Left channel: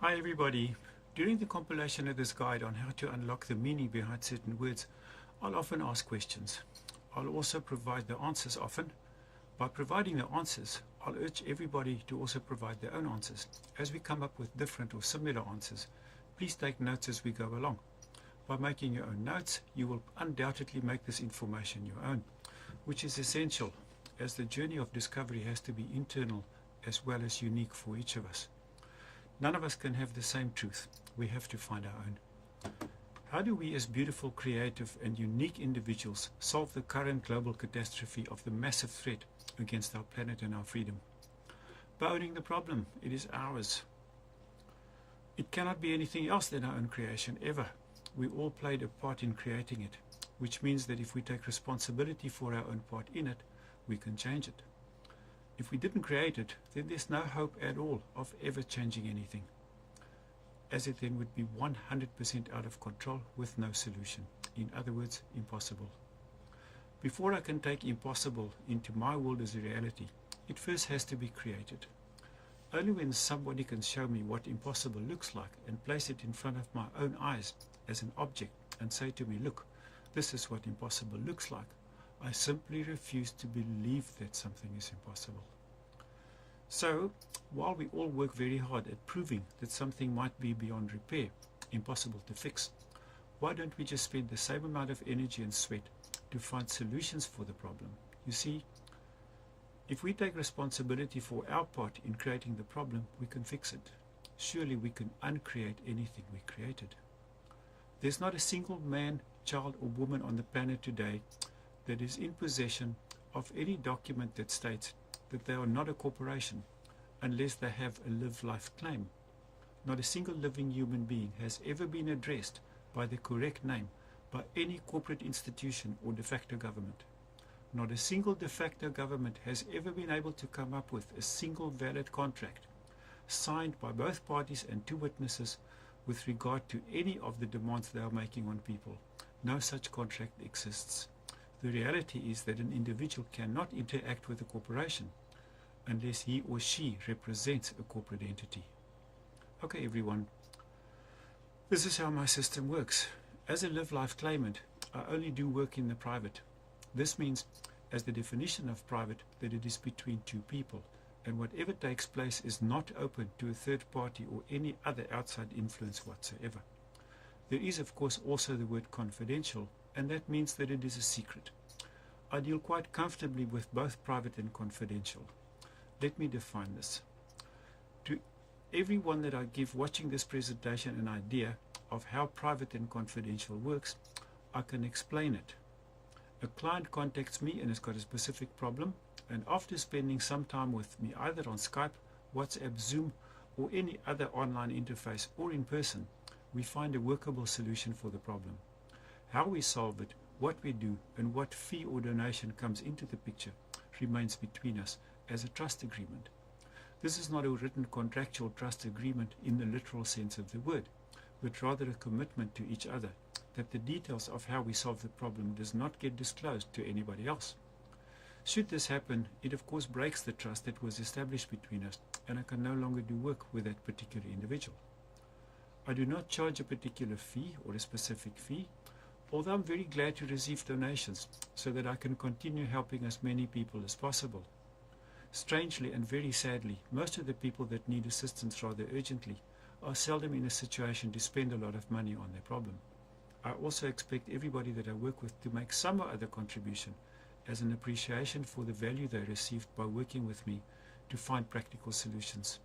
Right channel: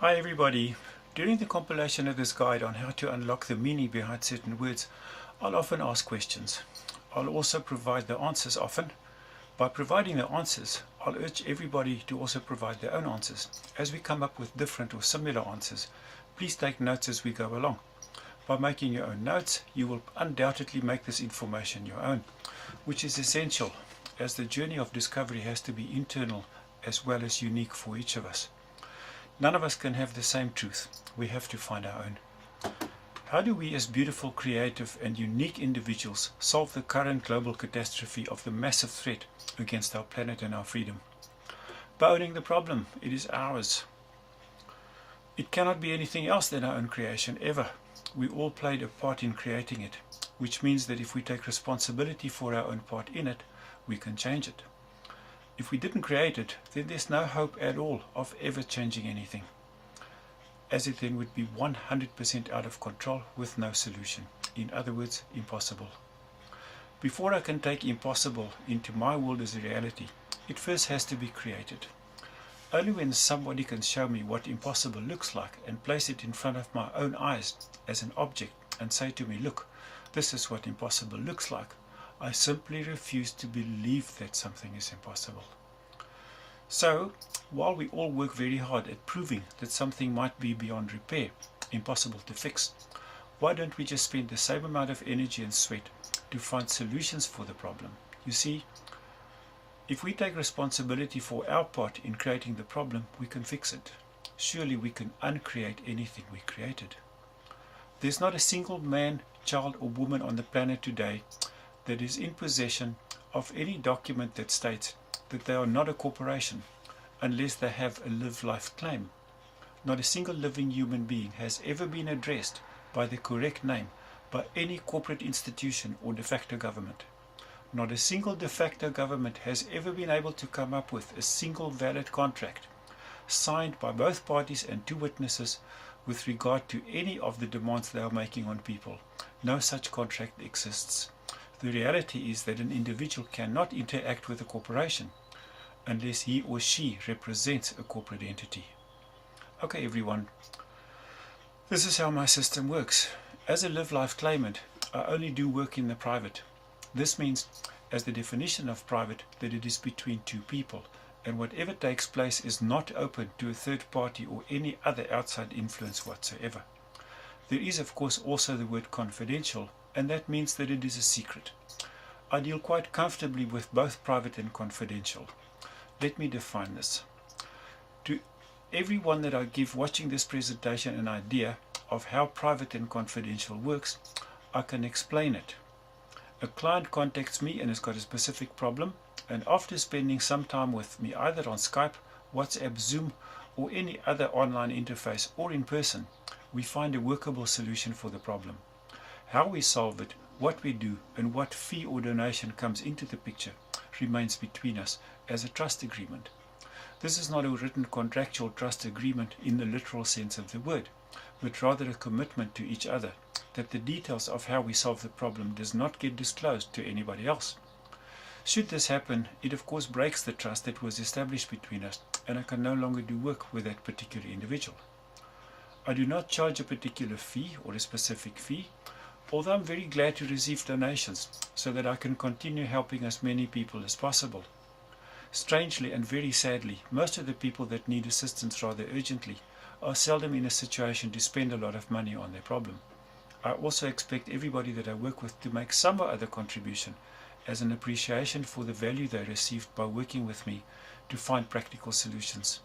Hi everybody. During the compilation of this guide on how to unlock the meaning behind certain words, I'll often ask questions. I'll also provide the answers often. By providing the answers, I'll urge everybody to also provide their own answers. As we come up with different or similar answers, please take notes as we go along. By making your own notes, you will undoubtedly make this information your own, which is essential as the journey of discovery has to be internal as well as unique for each of us. None of us can have the same truth. We have to find our own. How do we as beautiful, creative and unique individuals solve the current global catastrophe of the massive threat against our planet and our freedom? By owning the problem. It is ours. It cannot be anything else than our own creation ever. We all played a part in creating it, which means that if we take responsibility for our own part in it, we can change it. If we didn't create it, then there's no hope at all of ever changing anything, as it then would be 100% out of control with no solution. In other words, impossible. Before I can take impossible into my world as a reality, it first has to be created. Only when somebody can show me what impossible looks like and place it in front of my own eyes as an object and say to me, look, this is what impossible looks like, I simply refuse to believe that something is impossible. So, while we all work very hard at proving that something might be beyond repair, impossible to fix, why don't we just spend the same amount of energy and sweat to find solutions for the problem? You see, if we take responsibility for our part in creating the problem, we can fix it. Surely we can uncreate anything we created. There's not a single man, child or woman on the planet today that is in possession of any document that states that they are not a corporation unless they have a live life claim. Not a single living human being has ever been addressed by the correct name by any corporate institution or de facto government. Not a single de facto government has ever been able to come up with a single valid contract signed by both parties and two witnesses with regard to any of the demands they are making on people. No such contract exists. The reality is that an individual cannot interact with a corporation unless he or she represents a corporate entity. Okay everyone, this is how my system works. As a live life claimant, I only do work in the private. This means, as the definition of private, that it is between two people, and whatever takes place is not open to a third party or any other outside influence whatsoever. There is of course also the word confidential, and that means that it is a secret. I deal quite comfortably with both private and confidential. Let me define this. To everyone that I give watching this presentation an idea of how private and confidential works, I can explain it. A client contacts me and has got a specific problem, and after spending some time with me either on Skype, WhatsApp, Zoom or any other online interface or in person, we find a workable solution for the problem. How we solve it, what we do, and what fee or donation comes into the picture remains between us as a trust agreement. This is not a written contractual trust agreement in the literal sense of the word, but rather a commitment to each other that the details of how we solve the problem does not get disclosed to anybody else. Should this happen, it of course breaks the trust that was established between us, and I can no longer do work with that particular individual. I do not charge a particular fee or a specific fee, although I'm very glad to receive donations so that I can continue helping as many people as possible. Strangely and very sadly, most of the people that need assistance rather urgently are seldom in a situation to spend a lot of money on their problem. I also expect everybody that I work with to make some or other contribution as an appreciation for the value they received by working with me to find practical solutions.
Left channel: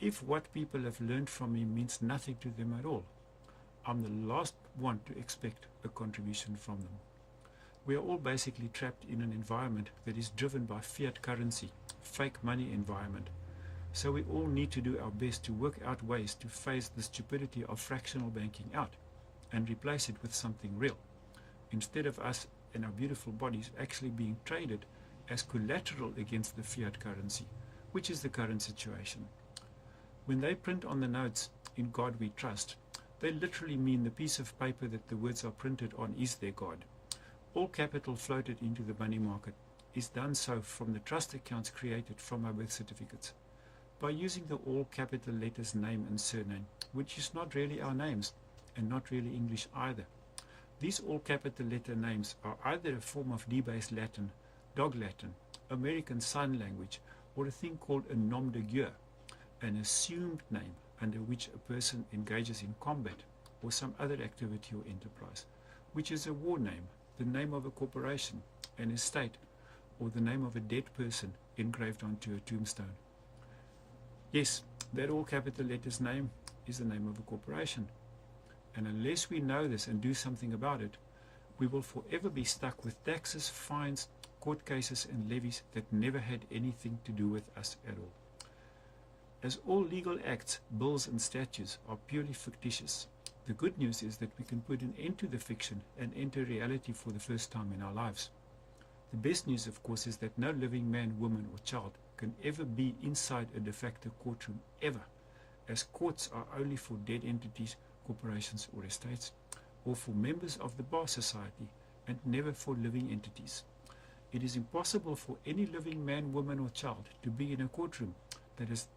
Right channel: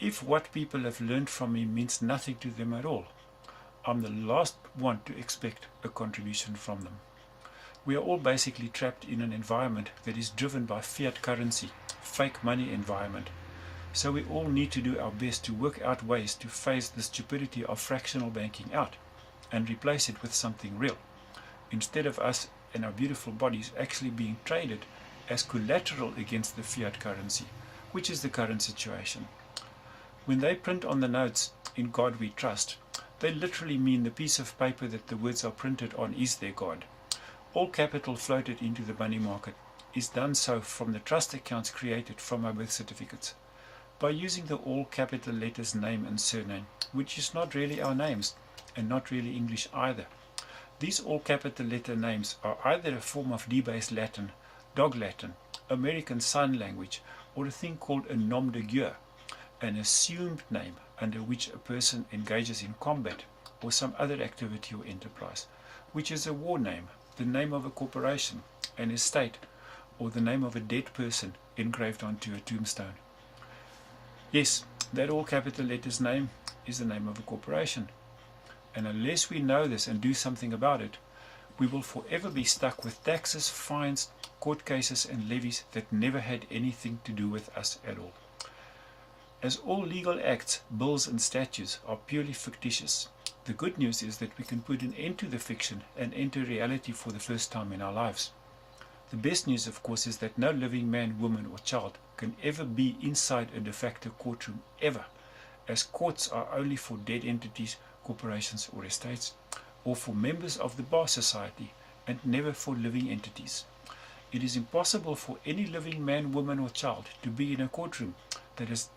If what people have learned from me means nothing to them at all, I'm the last one to expect a contribution from them. We are all basically trapped in an environment that is driven by fiat currency, fake money environment. So we all need to do our best to work out ways to phase the stupidity of fractional banking out and replace it with something real, instead of us and our beautiful bodies actually being traded as collateral against the fiat currency, which is the current situation. When they print on the notes, "In God we trust," they literally mean the piece of paper that the words are printed on is their God. All capital floated into the money market is done so from the trust accounts created from our birth certificates. by using the all capital letters name and surname, which is not really our names and not really English either. These all capital letter names are either a form of debased Latin, Dog Latin, American Sign Language, or a thing called a nom de guerre, an assumed name under which a person engages in combat or some other activity or enterprise, which is a war name, the name of a corporation, an estate, or the name of a dead person engraved onto a tombstone. Yes, that all capital letters name is the name of a corporation. And unless we know this and do something about it, we will forever be stuck with taxes, fines, court cases and levies that never had anything to do with us at all. As all legal acts, bills and statutes are purely fictitious, the good news is that we can put an end to the fiction and enter reality for the first time in our lives. The best news, of course, is that no living man, woman or child can ever be inside a de facto courtroom ever, as courts are only for dead entities, corporations or estates, or for members of the bar society, and never for living entities. It is impossible for any living man, woman or child to be in a courtroom that has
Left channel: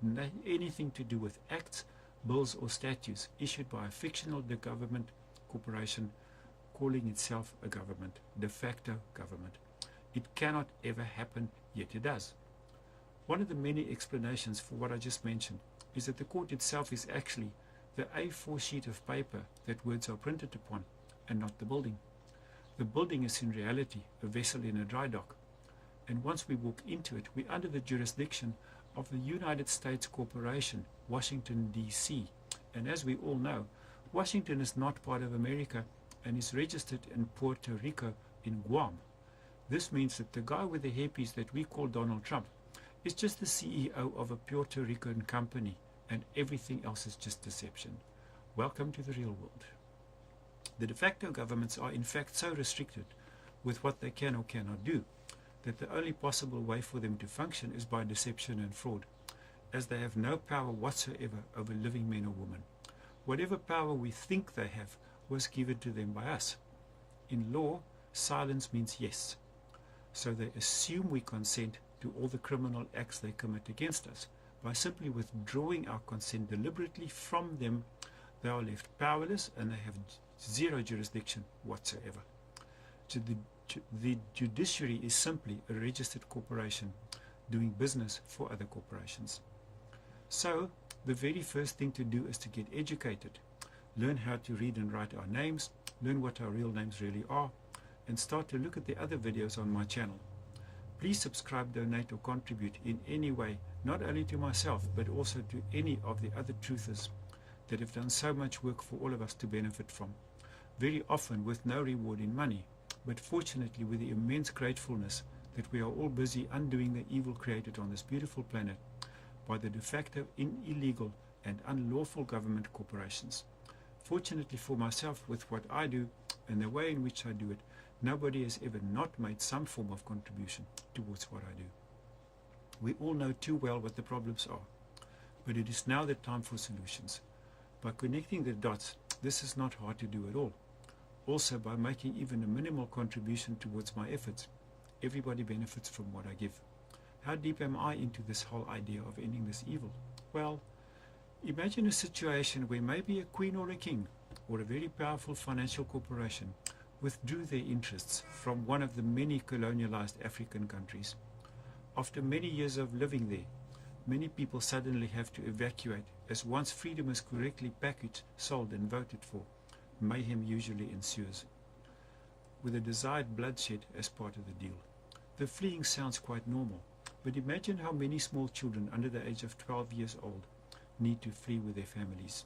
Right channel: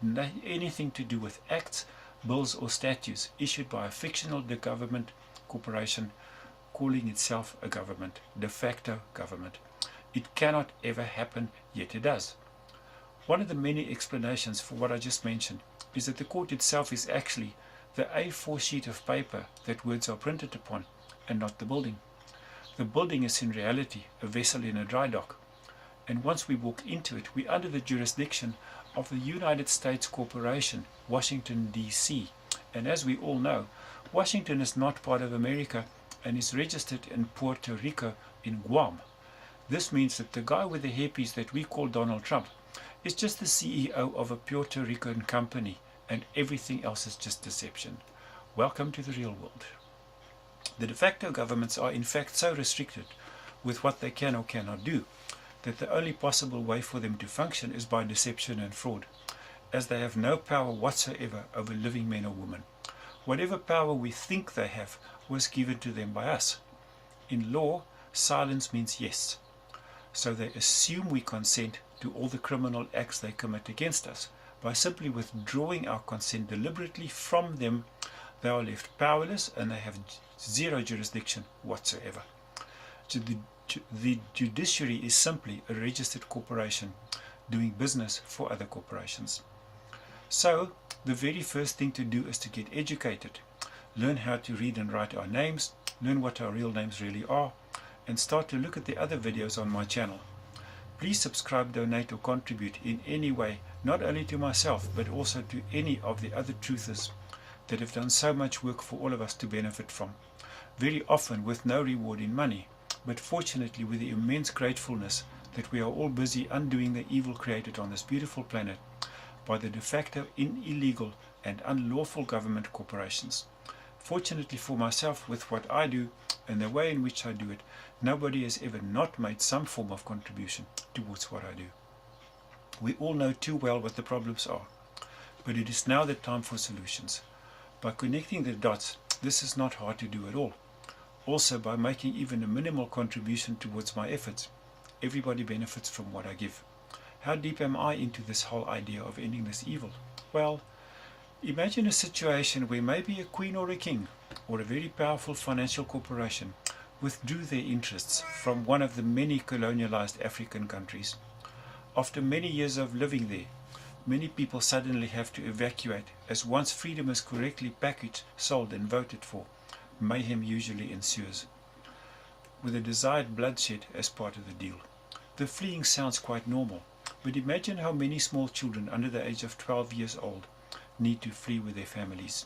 anything to do with acts, bills or statutes issued by a fictional government corporation calling itself a government, de facto government. It cannot ever happen, yet it does. One of the many explanations for what I just mentioned is that the court itself is actually the A4 sheet of paper that words are printed upon, and not the building. The building is in reality a vessel in a dry dock, and once we walk into it, we're under the jurisdiction of the United States Corporation, Washington, D.C. And as we all know, Washington is not part of America and is registered in Puerto Rico in Guam. This means that the guy with the hairpiece that we call Donald Trump is just the CEO of a Puerto Rican company, and everything else is just deception. Welcome to the real world. The de facto governments are in fact so restricted with what they can or cannot do that the only possible way for them to function is by deception and fraud, as they have no power whatsoever over living men or women. Whatever power we think they have was given to them by us. In law, silence means yes. So they assume we consent to all the criminal acts they commit against us. By simply withdrawing our consent deliberately from them, they are left powerless and they have zero jurisdiction whatsoever. The judiciary is simply a registered corporation doing business for other corporations. So, the very first thing to do is to get educated, learn how to read and write our names, learn what our real names really are, and start to look at the other videos on my channel. Please subscribe, donate or contribute in any way, not only to myself but also to any of the other truthers that have done so much work for all of us to benefit from, very often with no reward in money, but fortunately with the immense gratefulness that we are all busy undoing the evil created on this beautiful planet by the de facto illegal and unlawful government corporations. Fortunately for myself, with what I do and the way in which I do it, nobody has ever not made some form of contribution towards what I do. We all know too well what the problems are, but it is now the time for solutions. By connecting the dots, this is not hard to do at all. Also, by making even a minimal contribution towards my efforts, everybody benefits from what I give. How deep am I into this whole idea of ending this evil? Well, imagine a situation where maybe a queen or a king, or a very powerful financial corporation, withdrew their interests from one of the many colonialized African countries. After many years of living there, many people suddenly have to evacuate, as once freedom is correctly packaged, sold and voted for, mayhem usually ensues, with the desired bloodshed as part of the deal. The fleeing sounds quite normal, but imagine how many small children under the age of 12 years old need to flee with their families.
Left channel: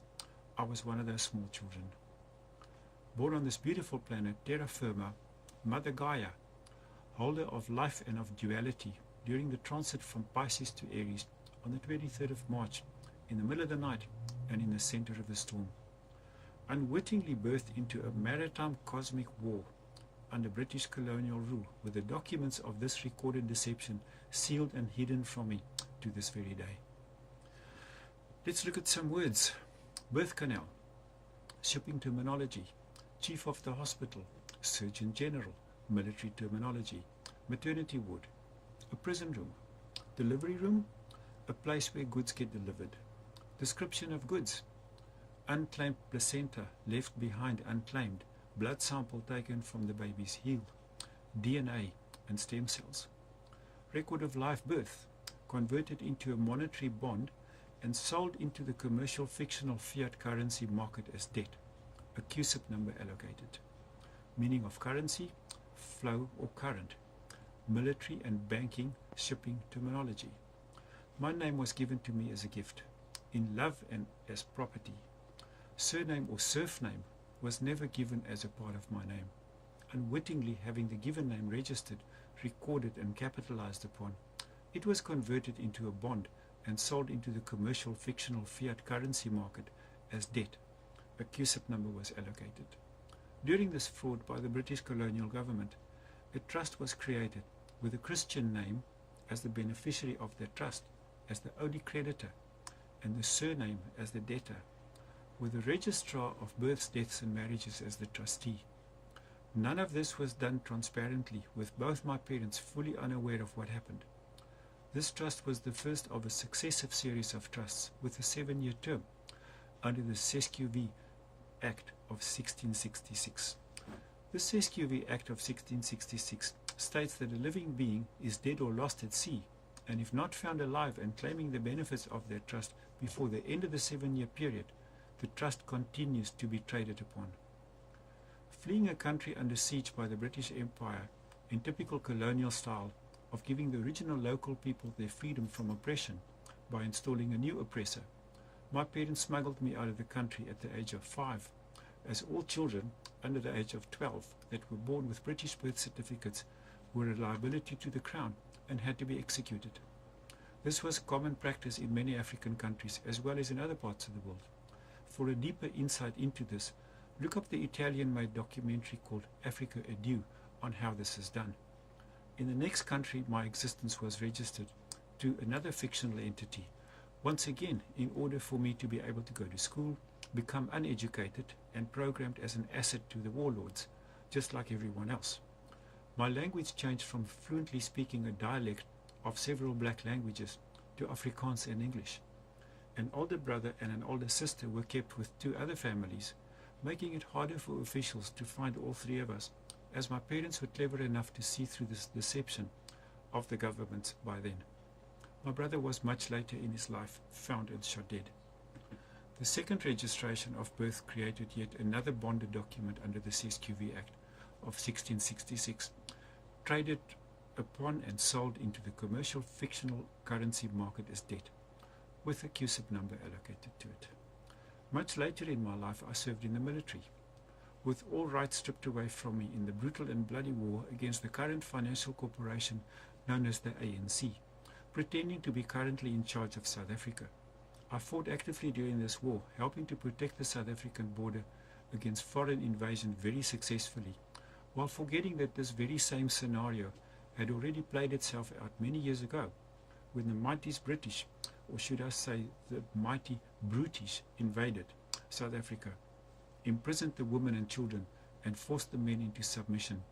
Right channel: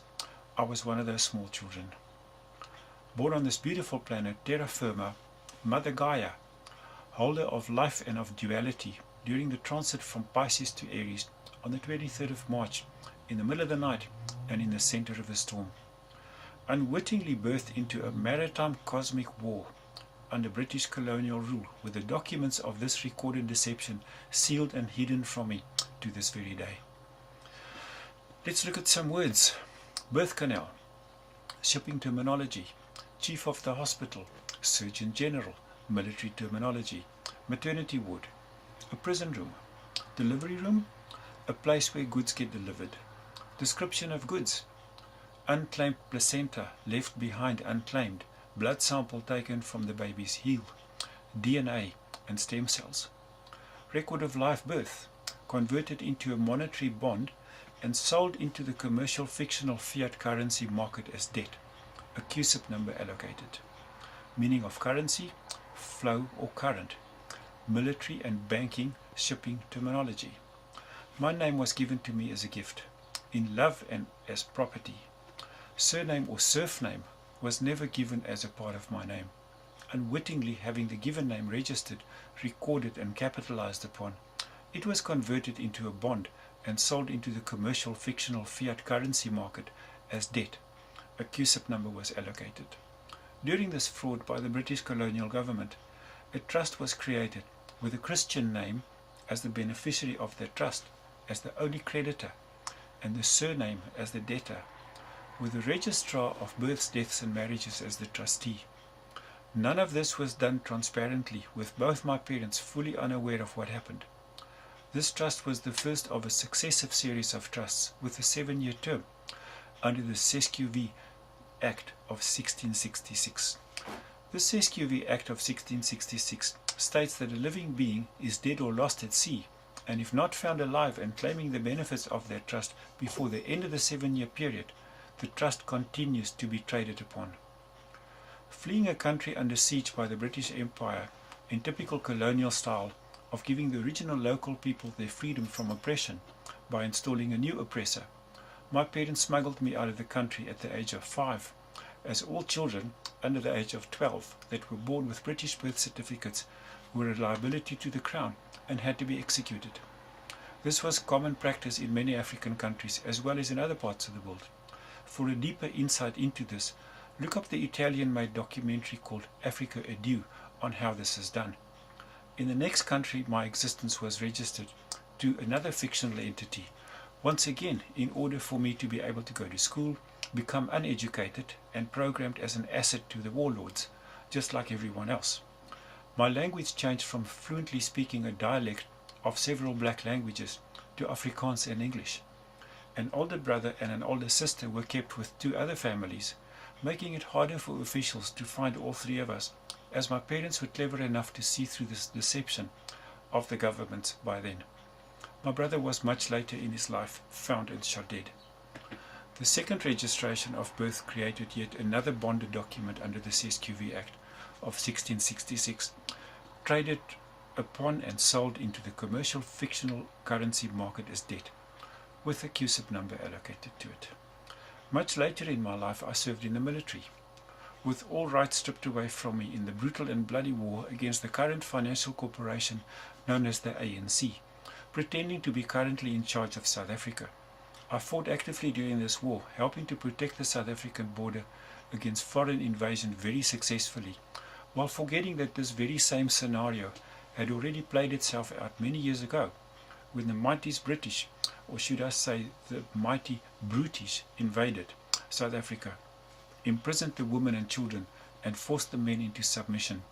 I was one of those small children. Born on this beautiful planet, terra firma, Mother Gaia, holder of life and of duality, during the transit from Pisces to Aries on the 23rd of March, in the middle of the night and in the center of a storm. Unwittingly birthed into a maritime cosmic war under British colonial rule, with the documents of this recorded deception sealed and hidden from me to this very day. Let's look at some words. Birth canal, shipping terminology, chief of the hospital, surgeon general, military terminology, maternity ward, a prison room, delivery room, a place where goods get delivered. Description of goods: unclaimed placenta left behind unclaimed, blood sample taken from the baby's heel, DNA and stem cells. Record of live birth, converted into a monetary bond and sold into the commercial fictional fiat currency market as debt, a CUSIP number allocated. Meaning of currency: flow or current. Military and banking shipping terminology. My name was given to me as a gift, in love and as property. Surname or serf name was never given as a part of my name. Unwittingly having the given name registered, recorded and capitalized upon, it was converted into a bond and sold into the commercial fictional fiat currency market as debt. A CUSIP number was allocated. During this fraud by the British colonial government, a trust was created with a Christian name as the beneficiary of that trust, as the only creditor, and the surname as the debtor, with the registrar of births, deaths and marriages as the trustee. None of this was done transparently, with both my parents fully unaware of what happened. This trust was the first of a successive series of trusts with a 7-year term under the SESQV Act of 1666. The SESQV Act of 1666 states that a living being is dead or lost at sea, and if not found alive and claiming the benefits of that trust before the end of the 7-year period, the trust continues to be traded upon. Fleeing a country under siege by the British Empire in typical colonial style of giving the original local people their freedom from oppression by installing a new oppressor, my parents smuggled me out of the country at the age of 5, as all children under the age of 12 that were born with British birth certificates were a liability to the Crown and had to be executed. This was common practice in many African countries as well as in other parts of the world. For a deeper insight into this, look up the Italian-made documentary called Africa Adieu on how this is done. In the next country my existence was registered to another fictional entity, once again in order for me to be able to go to school, become uneducated and programmed as an asset to the warlords, just like everyone else. My language changed from fluently speaking a dialect of several black languages to Afrikaans and English. An older brother and an older sister were kept with 2 other families, making it harder for officials to find all 3 of us, as my parents were clever enough to see through this deception of the government by then. My brother was much later in his life found and shot dead. The second registration of birth created yet another bonded document under the SESQV Act of 1666, traded upon and sold into the commercial fictional currency market as debt, with a CUSIP number allocated to it. Much later in my life I served in the military, with all rights stripped away from me in the brutal and bloody war against the current financial corporation known as the ANC, pretending to be currently in charge of South Africa. I fought actively during this war, helping to protect the South African border against foreign invasion very successfully, while forgetting that this very same scenario had already played itself out many years ago, when the mighty British, or should I say the mighty Brutish, invaded South Africa, imprisoned the women and children, and forced the men into submission,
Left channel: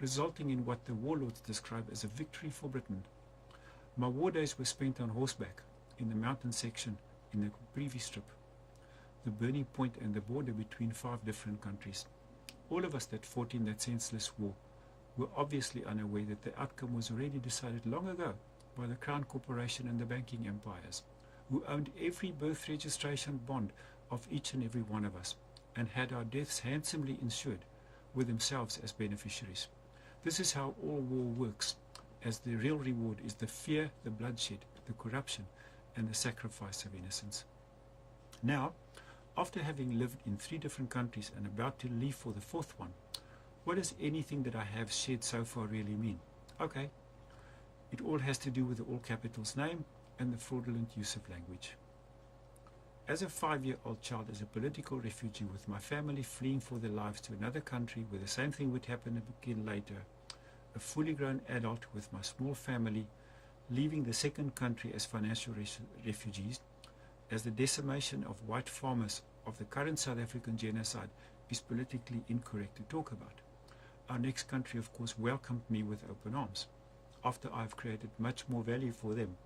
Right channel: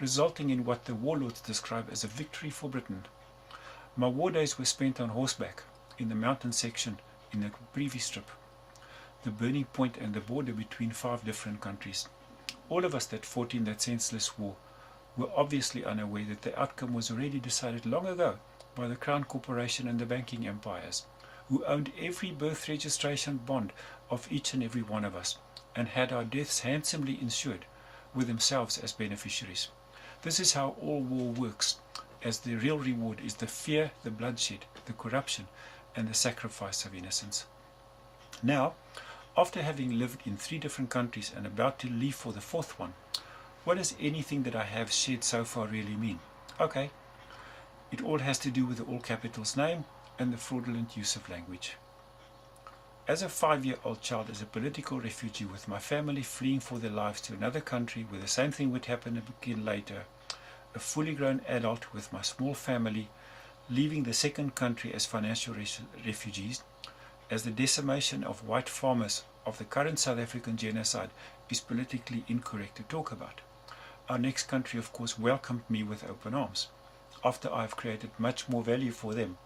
resulting in what the warlords describe as a victory for Britain. My war days were spent on horseback, in the mountain section, in the previous strip, the burning point and the border between 5 different countries. All of us that fought in that senseless war were obviously unaware that the outcome was already decided long ago by the Crown Corporation and the banking empires, who owned every birth registration bond of each and every one of us, and had our deaths handsomely insured, with themselves as beneficiaries. This is how all war works, as the real reward is the fear, the bloodshed, the corruption, and the sacrifice of innocence. Now, after having lived in 3 different countries and about to leave for the 4th one, what does anything that I have shared so far really mean? Okay, it all has to do with the all capitals name and the fraudulent use of language. As a 5-year-old child, as a political refugee with my family fleeing for their lives to another country where the same thing would happen again later, a fully grown adult with my small family leaving the second country as financial refugees, as the decimation of white farmers of the current South African genocide is politically incorrect to talk about. Our next country, of course, welcomed me with open arms. After I have created much more value for them,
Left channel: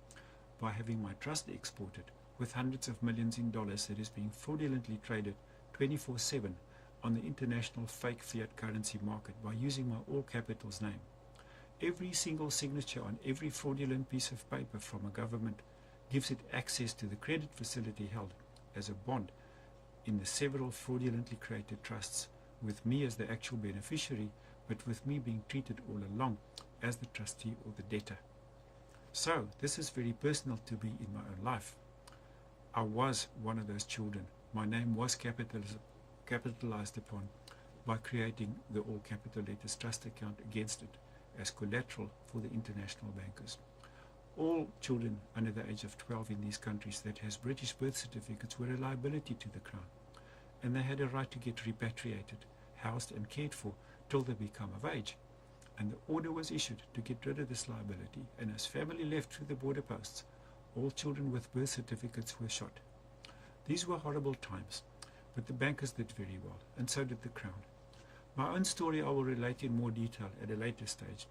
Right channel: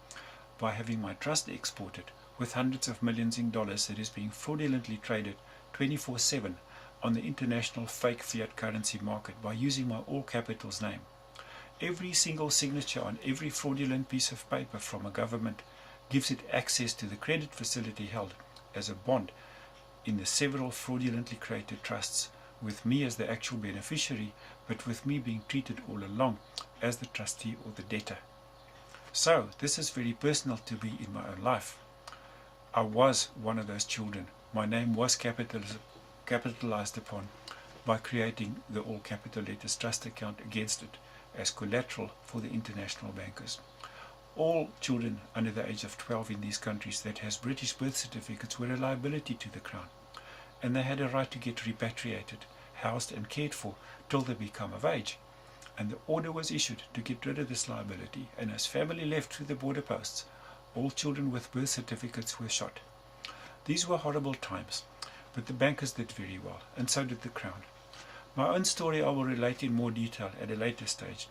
by having my trust exported with hundreds of millions in dollars that is being fraudulently traded 24/7 on the international fake fiat currency market by using my all capitals name. Every single signature on every fraudulent piece of paper from a government gives it access to the credit facility held as a bond in the several fraudulently created trusts, with me as the actual beneficiary, but with me being treated all along as the trustee or the debtor. So, this is very personal to me in my own life. I was one of those children. My name was capitalized upon by creating the all capital letters trust account against it as collateral for the international bankers. All children under the age of 12 in these countries that has British birth certificates were a liability to the Crown, and they had a right to get repatriated, housed and cared for till they become of age. And the order was issued to get rid of this liability, and as family left through the border posts, all children with birth certificates were shot. These were horrible times, but the bankers did very well, and so did the Crown. My own story I will relate in more detail at a later stage,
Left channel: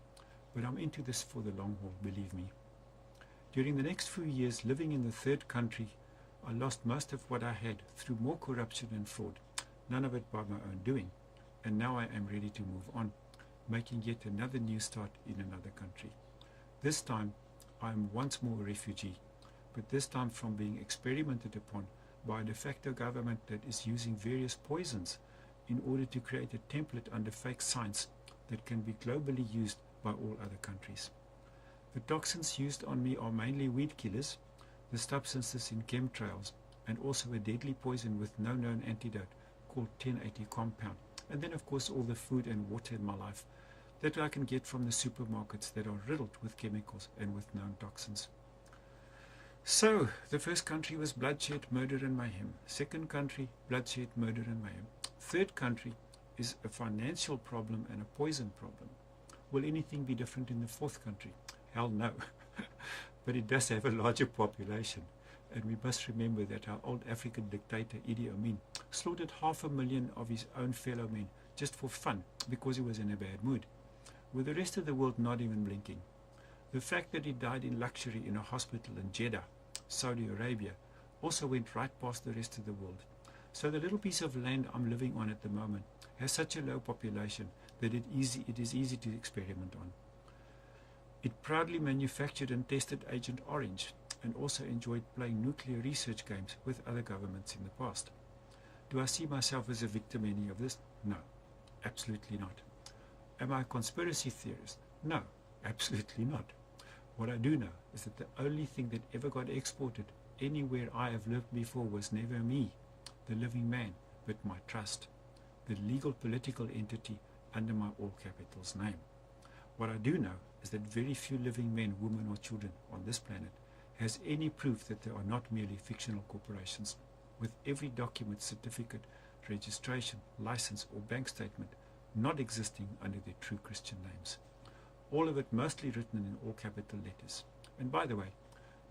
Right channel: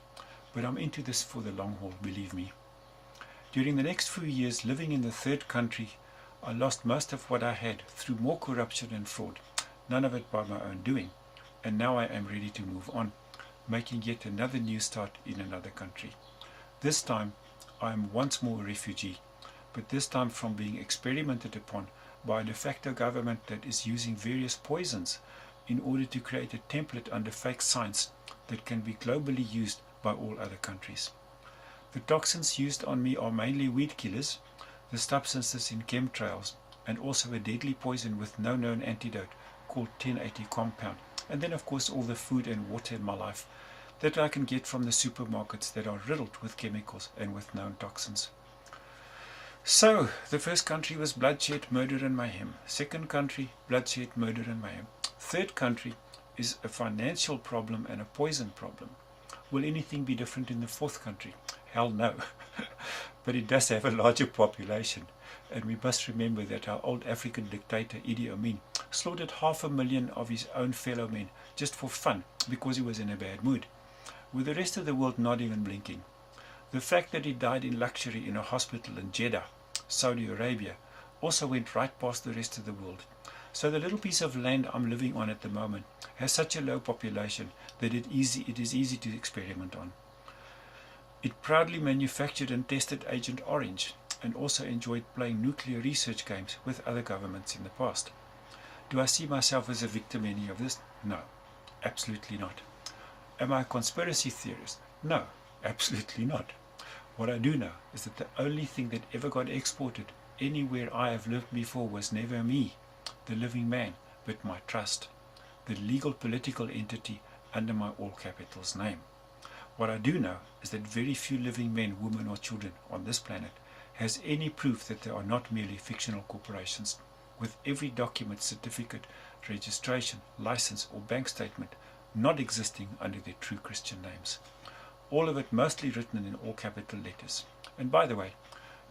but I'm into this for the long haul, believe me. During the next few years living in the third country, I lost most of what I had through more corruption and fraud, none of it by my own doing, and now I am ready to move on, making yet another new start in another country. This time I am once more a refugee, but this time from being experimented upon by a de facto government that is using various poisons in order to create a template under fake science that can be globally used by all other countries. The toxins used on me are mainly weed killers, the substances in chemtrails, and also a deadly poison with no known antidote called 1080 compound, and then of course all the food and water in my life that I can get from the supermarkets that are riddled with chemicals and with known toxins. So, the first country was bloodshed, murder and mayhem. Second country, bloodshed, murder and mayhem. Third country is a financial problem and a poison problem. Will anything be different in the fourth country? Hell no. But it does have a larger population, and we must remember that our old African dictator Idi Amin slaughtered 500,000 of his own fellow men just for fun because he was in a bad mood, with the rest of the world not even blinking. The fact that he died in luxury in a hospital in Jeddah, Saudi Arabia, also went right past the rest of the world. So the little piece of land I'm living on at the moment has such a low population that it is easy to experiment on. It proudly manufactured and tested Agent Orange, and also enjoyed playing nuclear research games with other governments in the past. Do I see myself as a victim in any of this? No, absolutely not. Am I a conspiracy theorist? No, absolutely not. What I do know is that the only thing that ever got exported anywhere I have lived before was never me, the living man, but my trust, the legal political entity under my all capitals name. What I do know is that very few living men, women or children on this planet has any proof that they are not merely fictional corporations, with every document, certificate, registration, license or bank statement not existing under their true Christian names. All of it mostly written in all capital letters. And by the way,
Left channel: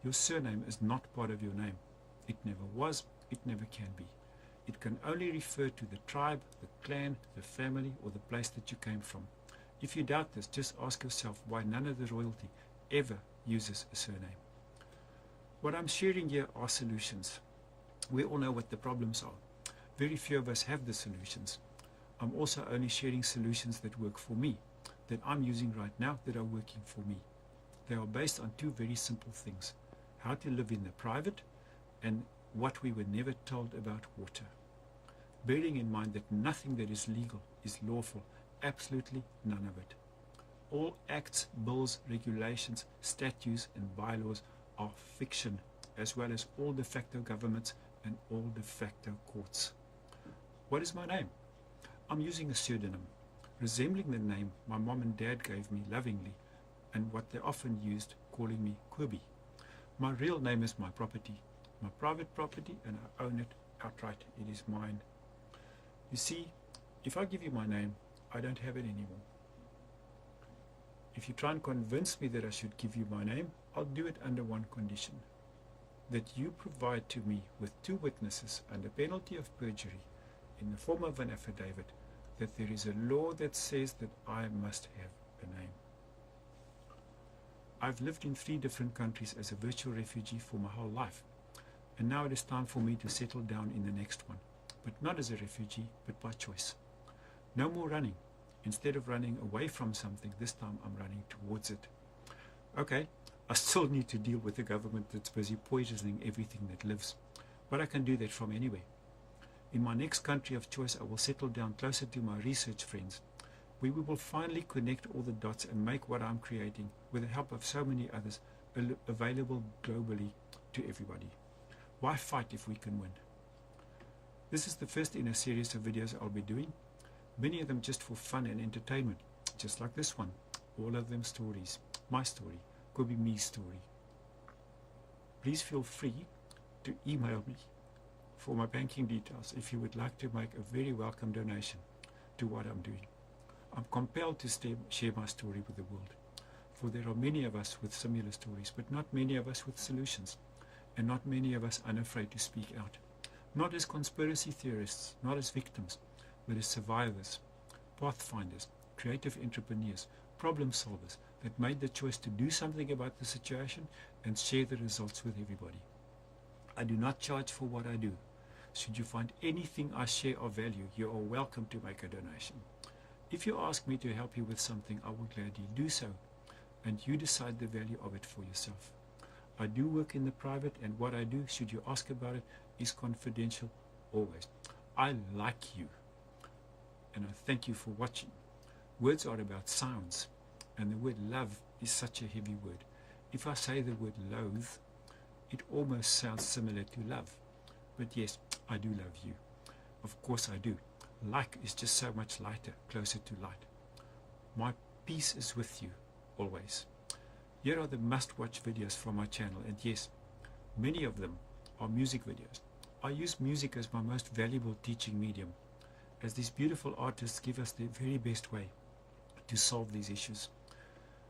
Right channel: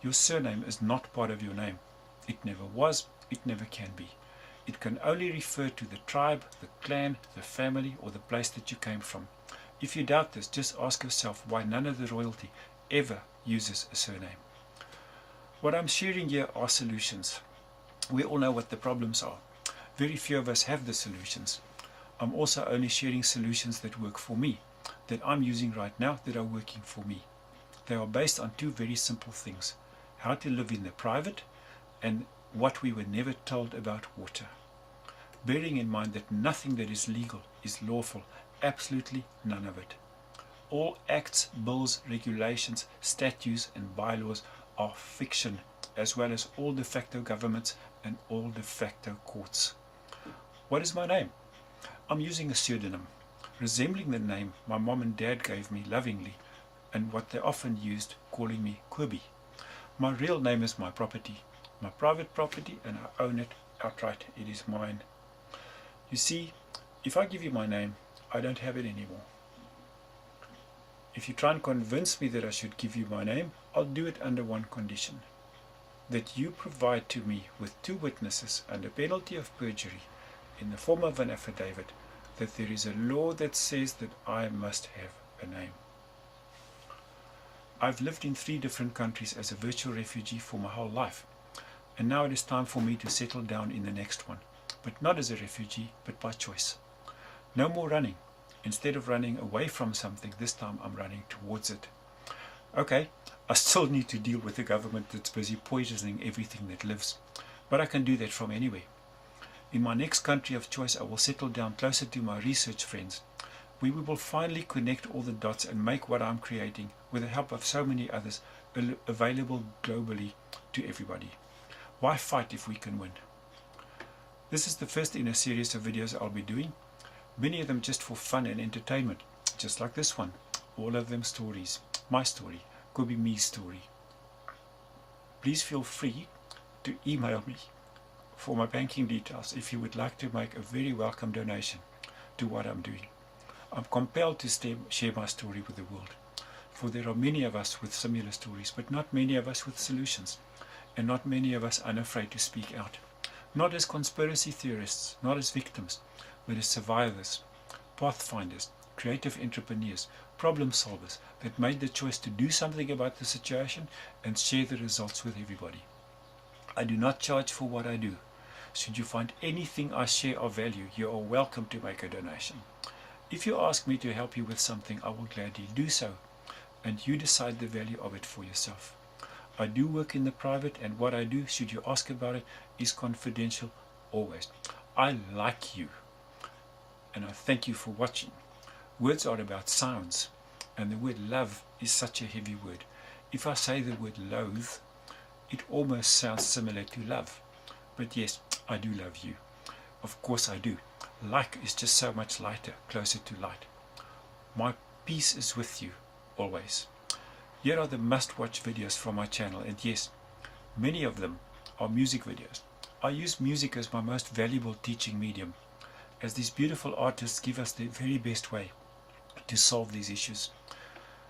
your surname is not part of your name. It never was, it never can be. It can only refer to the tribe, the clan, the family or the place that you came from. If you doubt this, just ask yourself why none of the royalty ever uses a surname. What I'm sharing here are solutions. We all know what the problems are. Very few of us have the solutions. I'm also only sharing solutions that work for me, that I'm using right now, that are working for me. They are based on two very simple things: how to live in the private and what we were never told about water. Bearing in mind that nothing that is legal is lawful, absolutely none of it. All acts, bills, regulations, statutes and bylaws are fiction, as well as all de facto governments and all de facto courts. What is my name? I'm using a pseudonym, resembling the name my mom and dad gave me lovingly, and what they often used, calling me Kobi. My real name is my property, my private property, and I own it outright. It is mine. You see, if I give you my name, I don't have it anymore. If you try and convince me that I should give you my name, I'll do it under one condition: that you provide to me with two witnesses under penalty of perjury in the form of an affidavit that there is a law that says that I must have a name. I've lived in 3 different countries as a virtual refugee for my whole life, and now it is time for me to settle down in the next one, but not as a refugee, but by choice. No more running. Instead of running away from something, this time I'm running towards it. Okay, I still need to deal with a government that's busy poisoning everything that lives, but I can do that from anywhere. In my next country of choice, I will settle down closer to my research friends, where we will finally connect all the dots and make what I'm creating, with the help of so many others, available globally to everybody. Why fight if we can win? This is the first in a series of videos I'll be doing, many of them just for fun and entertainment, just like this one. All of them stories. My story, Kobi Me's story. Please feel free to email me for my banking details if you would like to make a very welcome donation to what I'm doing. I'm compelled to share my story with the world, for there are many of us with similar stories, but not many of us with solutions, and not many of us unafraid to speak out. Not as conspiracy theorists, not as victims, but as survivors, pathfinders, creative entrepreneurs, problem solvers that made the choice to do something about the situation and share the results with everybody. I do not charge for what I do. Should you find anything I share of value, you are welcome to make a donation. If you ask me to help you with something, I will gladly do so, and you decide the value of it for yourself. I do work in the private, and what I do, should you ask about it, is confidential always. I like you, and I thank you for watching. Words are about sounds, and the word love is such a heavy word. If I say the word loathe, it almost sounds similar to love. But yes, I do love you. Of course I do. Like is just so much lighter, closer to light. My peace is with you, always. Here are the must-watch videos from my channel, and yes, many of them are music videos. I use music as my most valuable teaching medium, as these beautiful artists give us the very best way to solve these issues,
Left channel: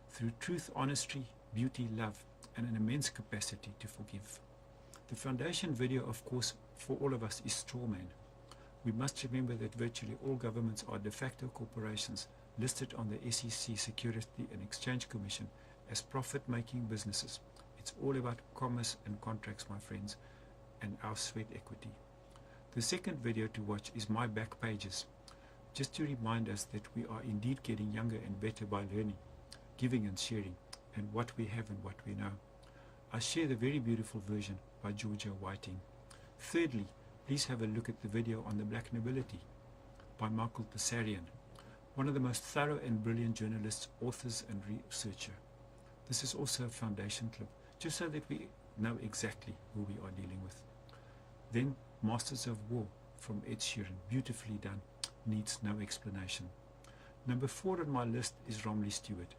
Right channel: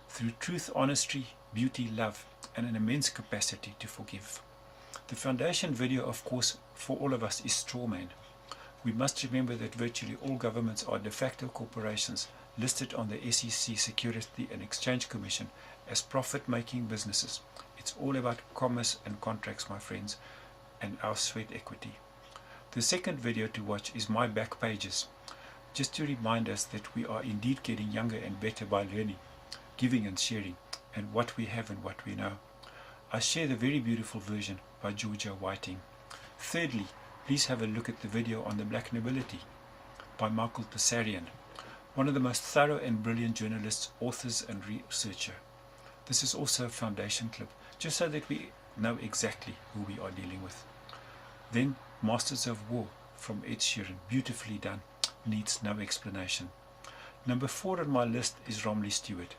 through truth, honesty, beauty, love, and an immense capacity to forgive. The foundation video, of course, for all of us is Strawman. We must remember that virtually all governments are de facto corporations listed on the SEC Security and Exchange Commission as profit-making businesses. It's all about commerce and contracts, my friends, and our sweat equity. The second video to watch is my back pages, just to remind us that we are indeed getting younger and better by learning, giving and sharing, and what we have and what we know. I share the very beautiful version by Georgia Whiting. Thirdly, please have a look at the video on the Black Nobility by Michael Passarian, one of the most thorough and brilliant journalists, authors and researcher. This is also a foundation clip, just so that we know exactly who we are dealing with. Then Masters of War from Ed Sheeran, beautifully done, needs no explanation. Number 4 on my list is Romley Stewart.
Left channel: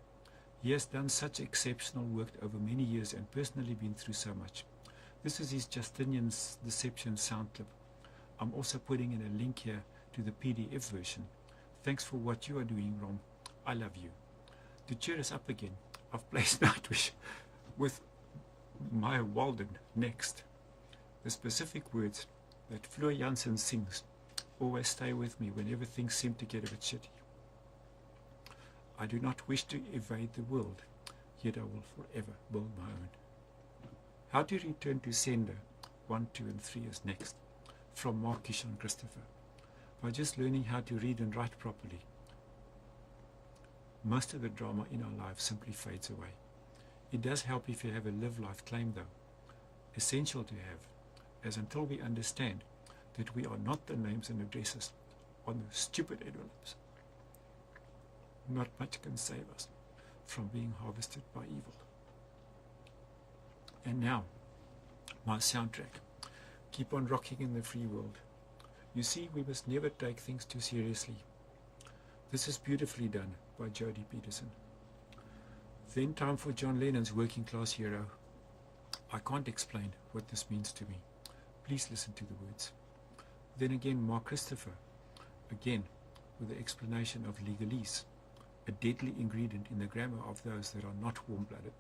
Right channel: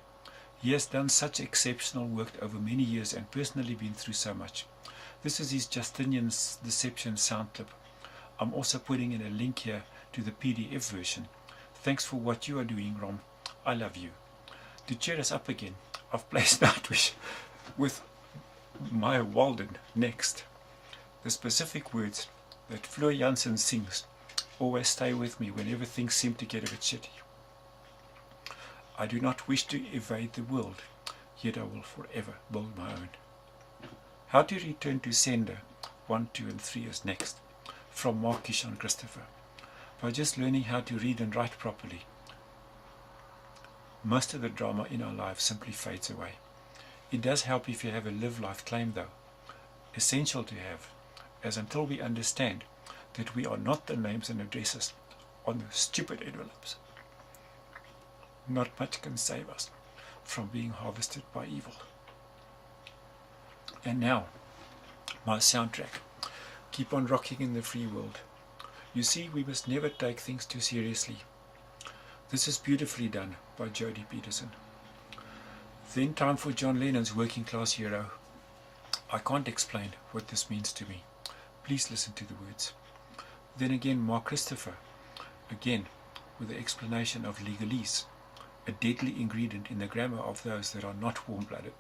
He has done such exceptional work over many years and personally been through so much. This is his Justinian's Deception sound clip. I'm also putting in a link here to the PDF version. Thanks for what you are doing, Rom. I love you. To cheer us up again, I've placed Nightwish with Maya Walden next. The specific words that Fleur Jansen sings always stay with me whenever things seem to get a bit shitty. I do not wish to evade the world, yet I will forever build my own. How to return to sender 1, 2 and 3 is next, from Mark Kishon Christopher. By just learning how to read and write properly, most of the drama in our lives simply fades away. It does help if you have a live life claim though, essential to have, as until we understand that we are not the names and addresses on the stupid envelopes, not much can save us from being harvested by evil. And now, my soundtrack, Keep on Rocking in the Free World. You see, we must never take things too seriously. This is beautifully done by Jodie Peterson. Then time for John Lennon's Working Class Hero. I can't explain what this means to me. Please listen to the words. Then again, Mark Christopher, again with the explanation of legalese, a deadly ingredient in the grammar of those that are not warm-blooded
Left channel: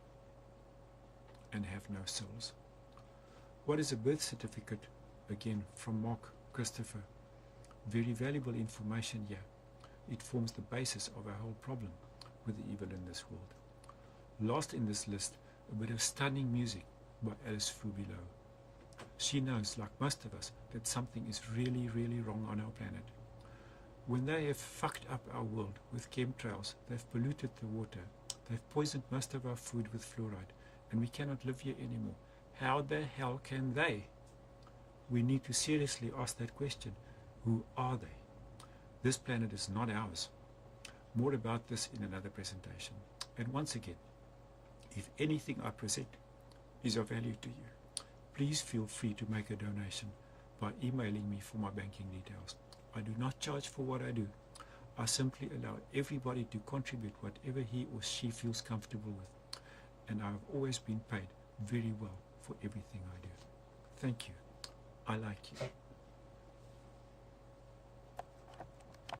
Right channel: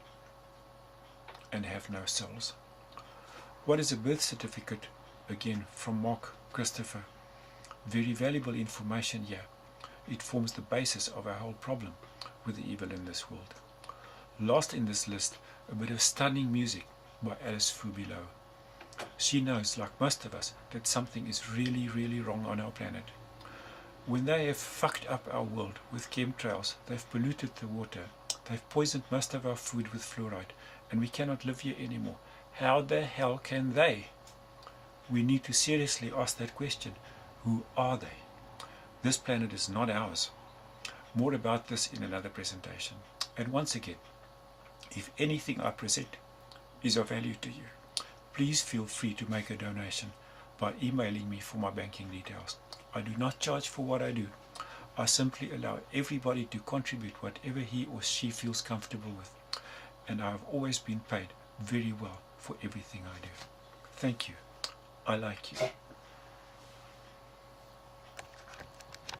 and have no souls. What is a birth certificate? Again from Mark Christopher. Very valuable information here. It forms the basis of our whole problem with the evil in this world. Last in this list, a bit of stunning music by Alice Fubilow. She knows, like most of us, that something is really, really wrong on our planet. When they have fucked up our world with chemtrails, they've polluted the water, they've poisoned most of our food with fluoride, and we cannot live here anymore. How the hell can they? We need to seriously ask that question. Who are they? This planet is not ours. More about this in another presentation. And once again, if anything I present is of value to you, please feel free to make a donation by emailing me for my banking details. I do not charge for what I do. I simply allow everybody to contribute whatever he or she feels comfortable with. And I have always been paid very well for everything I do. Thank you. I like you.